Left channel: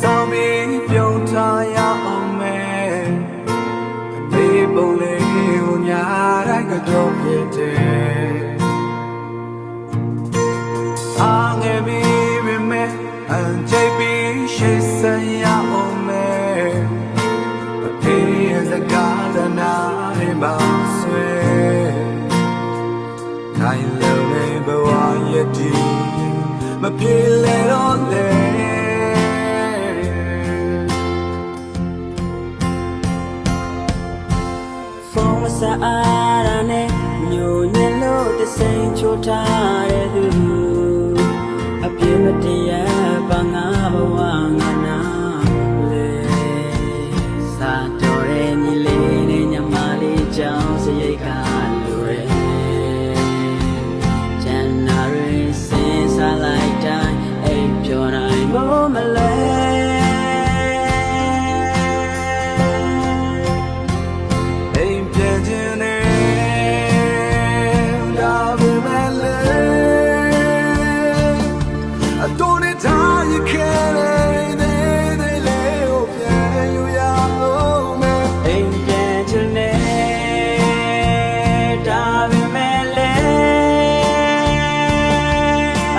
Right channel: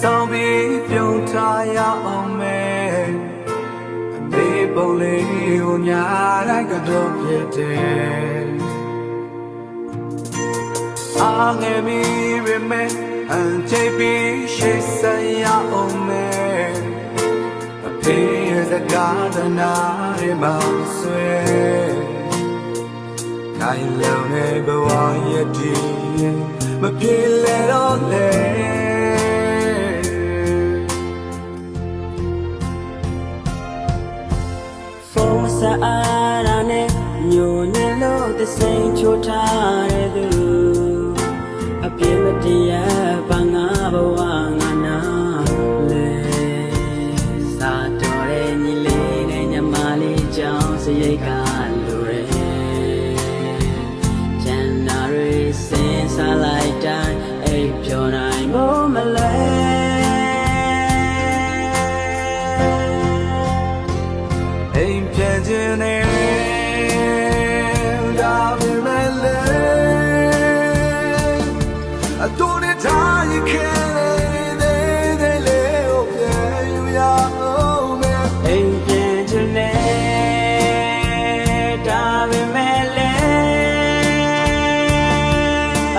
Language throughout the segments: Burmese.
ဆောင်ပြီးပြုံးထားရအောင်မယ်အမေပုံလေးကိုညာတိုင်းကတော့ပြည့်တယ်အားငယ်မိပေမဲ့အန်ချိတ်ပြီးရှိစံရအောင်မယ်အဖေရဲ့စကားတနာတွေမှဆွဲခိုင်လုံနေဘဝရဲ့ဒီမပြေလဲတော့လေဖုန်းမဆက်အားရနဲ့ညိုညင်လို့သစိန်ချိုးထားတဲ့သူအပြည့်မတရားဘာငါဘဝငါနာလေစာတော်တဲ့ညီလေးနဲ့ညမလေးကြောင့်စရိတ်ကလိုရဲကျန်နာရီစင်စားလိုက်တိုင်းအိပ်ပျော်နိုင်ဖို့မလဲအိမ်ပြန်ခြင်းနဲ့ဒါပေမဲ့လေအတော်နဲ့ထားရခဲ့တဲ့လေးကိုပြန်ယူရအောင်မယ်အိမ်ပြန်ခြင်းနဲ့ဒါပေမဲ့လေ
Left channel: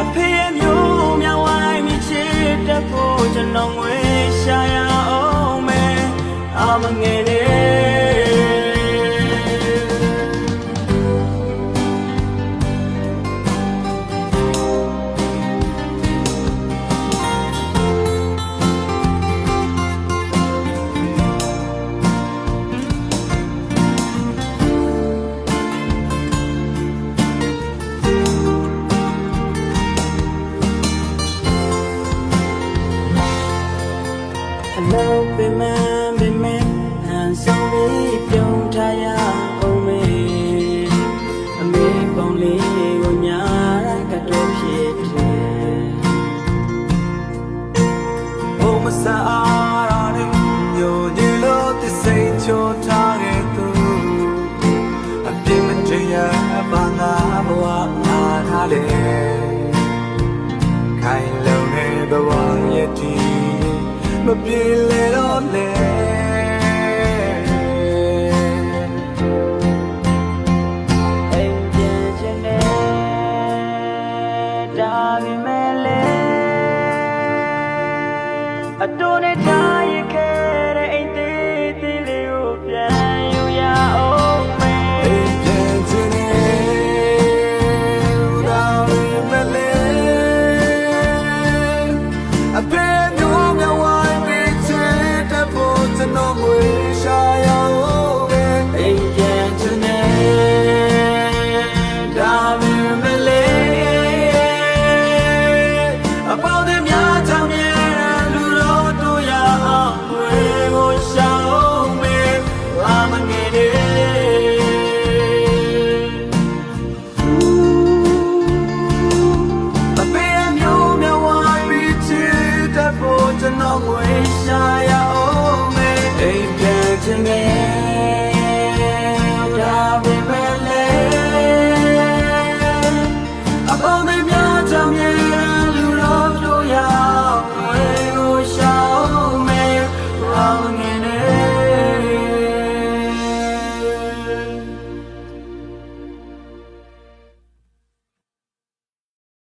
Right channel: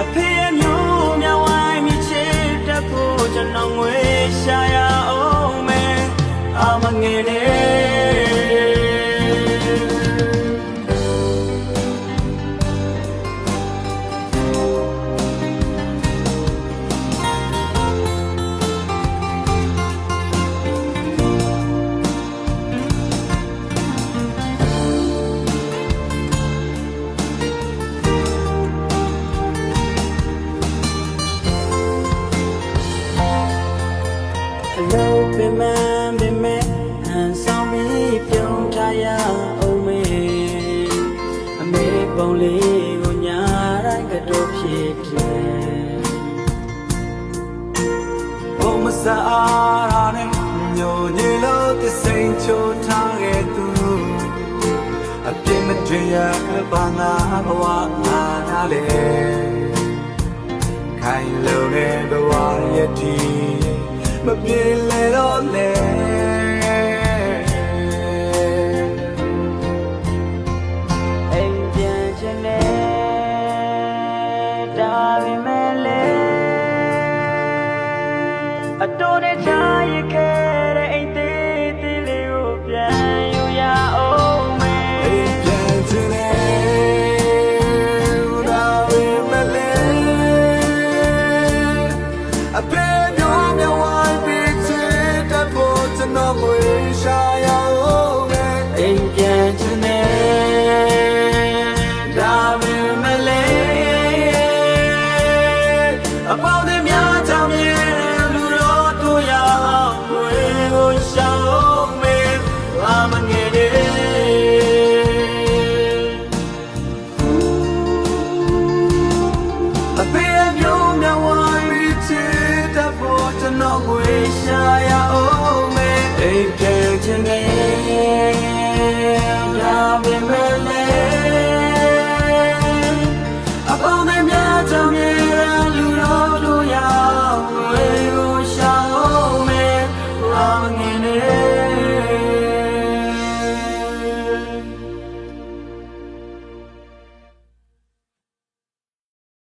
အဖေရဲ့မျိုးများဝိုင်းမိချစ်တတ်ဖို့ကျွန်တော်ငွေရှာရအောင်မယ်အမငယ်နဲ့အလုပ်ပင်မဟန်ဆောင်ပြီးပြုံးထားရအောင်မေအမေပုံလေးကိုညာတိုင်းကတော့ဖြစ်တယ်ဘုံမဆာအားရနဲ့ညိုညင်လို့သစိန်ချိုးထားခဲ့သူအပြစ်မတရားဘာငါဘဝငါထားလေခိုင်လုံနေဘဝရဲ့ဒီမပြေလဲတော့လေအိမ်ပြန်ခြင်းနဲ့ဒါပေမဲ့လေအတော်နဲ့ထားရခဲ့တဲ့အိမ်သေးသေးလေးကိုပြန်ယူရအောင်မယ်အိမ်ပြန်ခြင်းနဲ့ဒါပေမဲ့လေအဖေမျိုးမြဝိုင်းပြီးချစ်တတ်ဖို့ကျွန်တော်ငွေရှာရအောင်မယ်အိမ်ပြန်ခြင်းနဲ့ဒါပေမဲ့လေအပေါင်းတွေများချောင်းမြဲလူတော်တို့ရအောင်ငွေကိုရှာအောင်မယ်အမငယ်တွေအဖေမျိုးမြဝိုင်းပြီးချစ်တတ်ဖို့ကျွန်တော်ငွေရှာရအောင်မယ်အိမ်ပြန်ခြင်းနဲ့ဒါပေမဲ့